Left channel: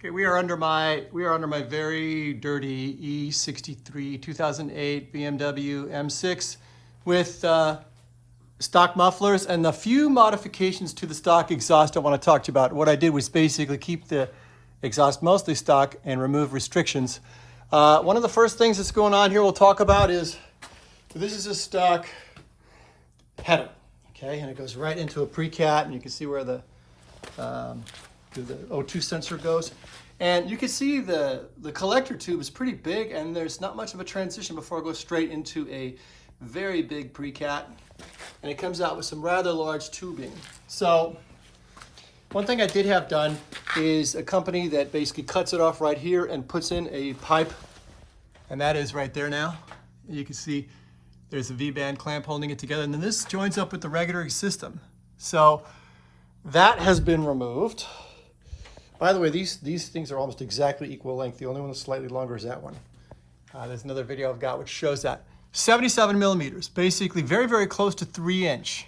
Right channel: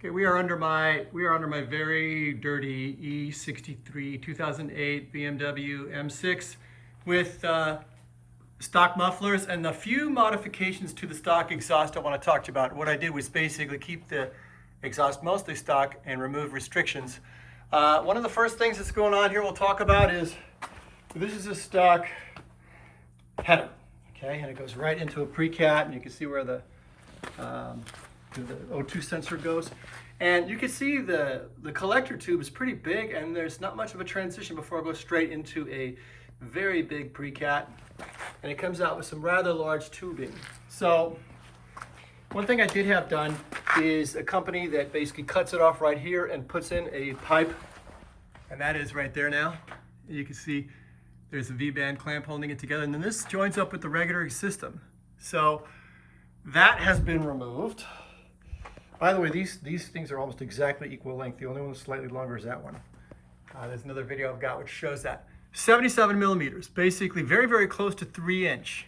Okay, we are under my very dirty E63 2008 BMW M6 with stock mufflers and the few modifications to the stock exhaust I want to talk to you about. What I did was basically keep the exhaust mostly stock and remove restrictions. One of the first things that's going on here we'll talk about is this is a stock header, okay, and it goes right into a pre-cat, and you can see where the O2 sensor goes. And you can see the collector tube is pretty big, and there's not much of a transition before it goes straight into a very big pre-cat. And it comes out with some rather large tubing. So one thing I did have done is a company that basically cuts it off right here and puts in a pipe. And that is right there now. You can see there's a V-band clamp holding it together. And then this joins up with the regular system. So that has been removed. By the way, these things are almost exactly equal length. The only one that's slightly longer is that one. There's another video I've got which shows that. 77 millimeters, basically very, very close to 3-inch.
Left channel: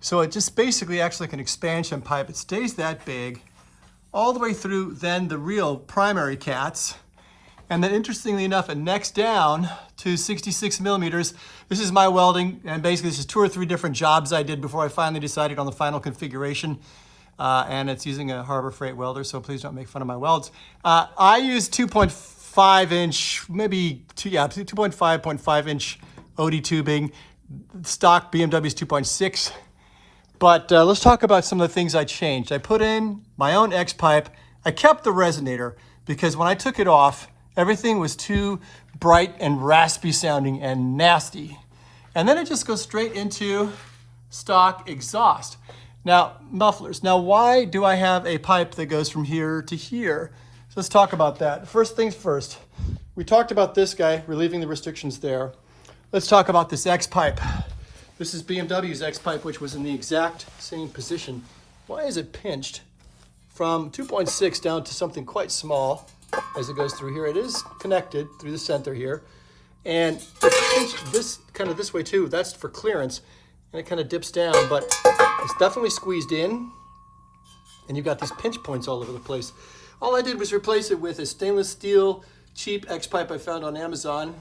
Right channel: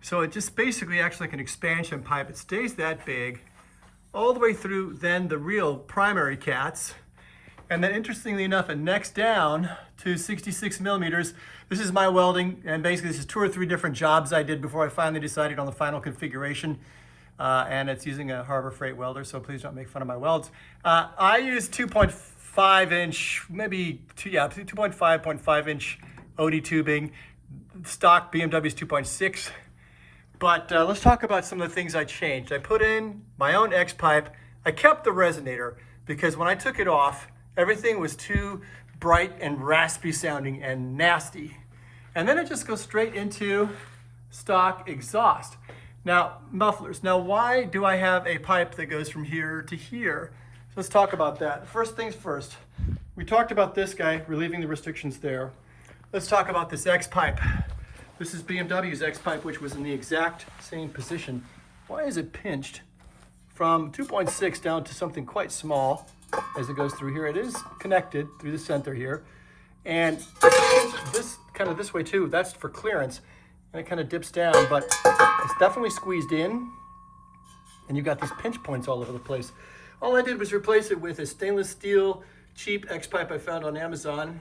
So it just basically acts like an expansion pipe. It stays that big all the way through then the real primary cats. And then interestingly enough, it necks down to 66 millimeters. This is my welding, and basically this is 2 or 3 different jobs I did before I finally decided on the final configuration. And it's using a Harbor Freight welder, so please don't make fun of my welds. I use 2.5 inch, maybe 2.5 inch OD tubing. Stock BMW is 2.6. But let's talk about some of the things I changed. I put in my own X pipe. I kept the resonator because when I took it off, everything was too bright and raspy sounding and nasty. And then it just goes straight into stock exhaust. Now, mufflers. Now, why do I have a pipe that goes from here to here? So let's talk about that. First things first. We talked about this guy, relieving the restrictions there. Let's talk about this X pipe. This is BMW's X pipe, which was in the exact same position. Why is it pinched from 2.6 down to something quite small as it goes through here? It is connected through the center here. And it's pinched this way too. That's for clearance. And it kind of dips down, but it's definitely squeezed in. And you've got these pinch points all over the place. All I did was replace it with a stainless steel cheap X pipe I found on Amazon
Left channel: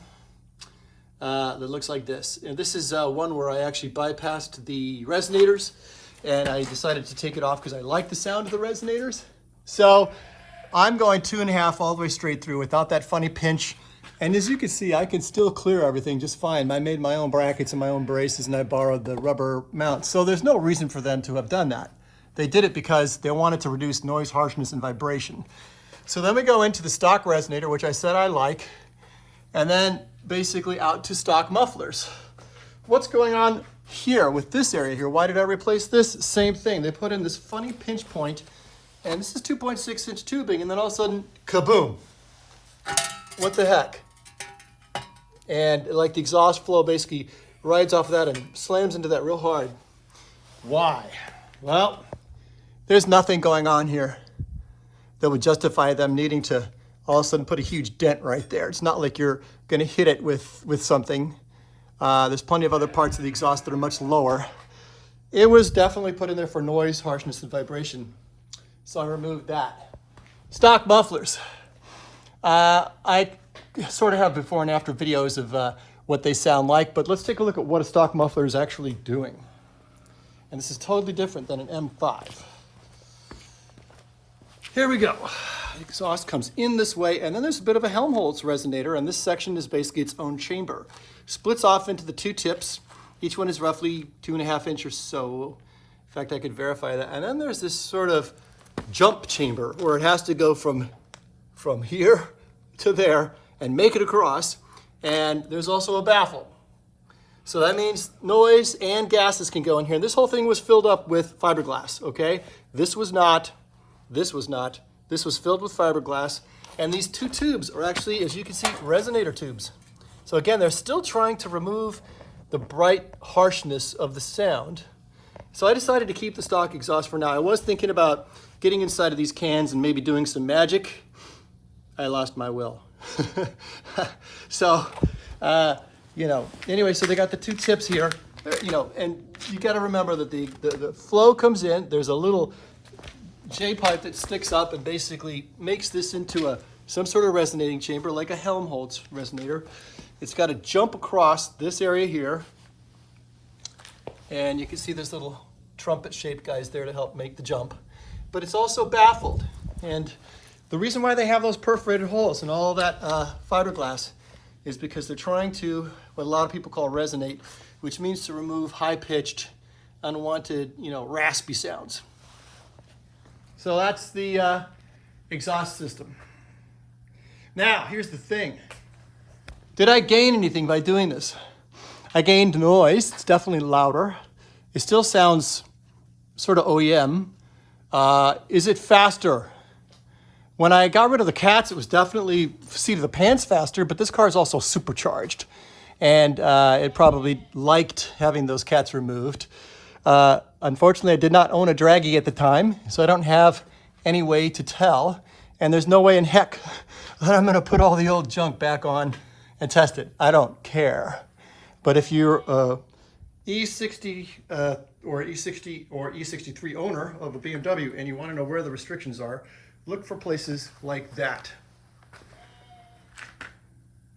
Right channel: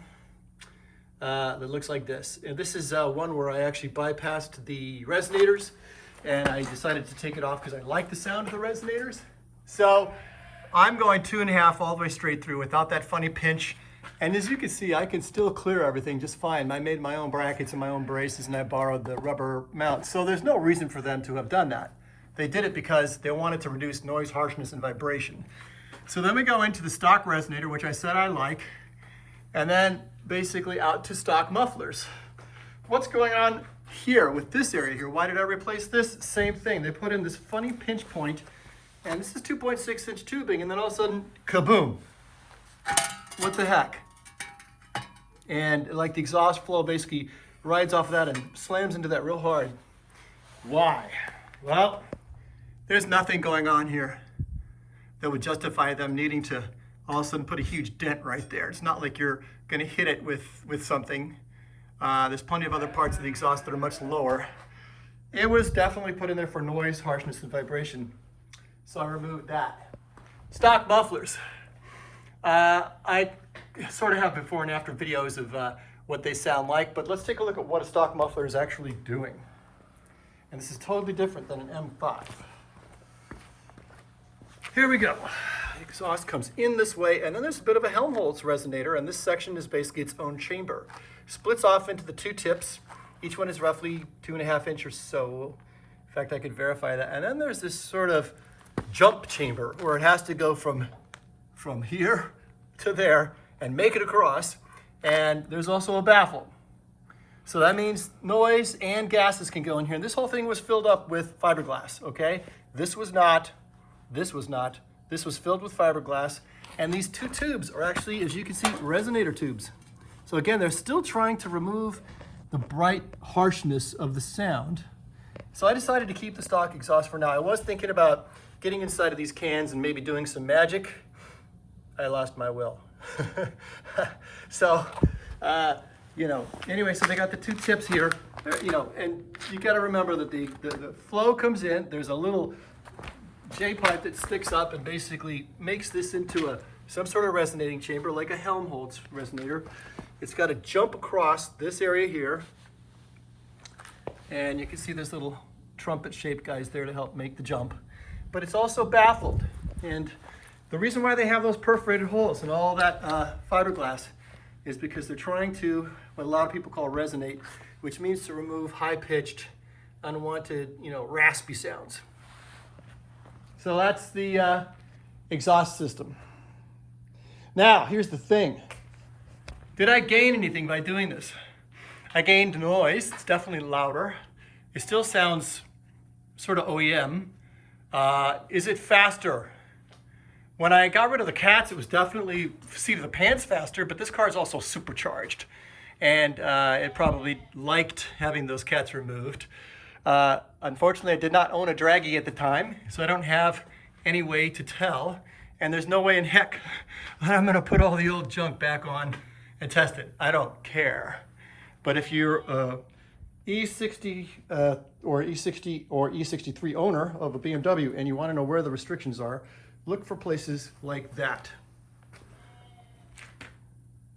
that looks like this. And this is one where I actually bypassed the resonators, and I decided to take it off because I like the sound of the resonators. So I'm going 2.5 all the way straight through without that funny pinch. And as you can see, I can still clear everything just fine. I made my own brackets and my own braces, and I borrowed the rubber mounts. So there's no reason for them to have done that. They did it because they wanted to reduce noise, harshness, and vibration. So then we go into the stock resonator, which I said I like, and then basically out to stock mufflers. What's going on here with this area here? Why did I replace this? Same thing. They put in this funny pinch point, and this is 2.6 inch tubing, and then all of a sudden, kaboom. What the heck? And like the exhaust flow basically rides off of that and slams into that real hard. Why? Well, there's nothing going on here that would justify them needing to all of a sudden put a huge dent right there. It's not like you're gonna hit it with something. There's plenty of other parts of the exhaust that are much lower. It was definitely put in there for noise, harshness, and vibration. So I removed that. Stock mufflers. I sort of have before and after videos of what they sound like, but let's take a look at what a stock muffler is actually doing. And this is totally different than an M5. Here we go. The exhaust comes in this way, and then there's a bit of a Helmholtz resonator, and this section is basically its own chamber. Splits off into the 2 tips. Each one is roughly 2.5 inches or so. In fact, I could verify that. And then there's this sort of jump chamber where it has to go from here to there and make it across, and there's also a baffle. So that means noise and gases can go in here. And this whole thing was filled up with fiberglass, okay? This was not. This was filled with fiberglass, and these 2 tubes are actually, as you can see, resonator tubes. So again, they're still trying to remove the bright harshness of the sound. So I decided to keep the stock exhaust for now. I was thinking about getting inside of these cans and maybe doing some magic. I lost my will. So, anyway, so they got the 2 tips here, and you got to remember that the flow comes in. There's a little J-pipe that sticks up and basically makes this into some sort of resonating chamber, like a Helmholtz resonator. It's got to jump across this area here, and you can see there's little trumpet-shaped guys there to help make the jump. But it's also baffled, and the reason why they have those perforated holes and all that fiberglass is because they're trying to, what a lot of people call resonate, which means to remove high-pitched, unwanted, raspy sounds. So that's the exhaust system. Now, here's the thing. Did I gain anything by doing this? I gained noise. It's definitely louder. It still sounds sort of OEM. Is it faster? When I got rid of the cats, it was definitely seat of the pants faster, but this car is also supercharged. And it probably liked having those cats removed. Unfortunately, I did not own a draggy at the time, so I don't have any way to tell. And there's no way in heck that I'm gonna put all the old junk back on and test it. I don't care. But if you're E60 or E60 or E63 owner of a BMW and you wanna know where the restrictions are, look for places like that.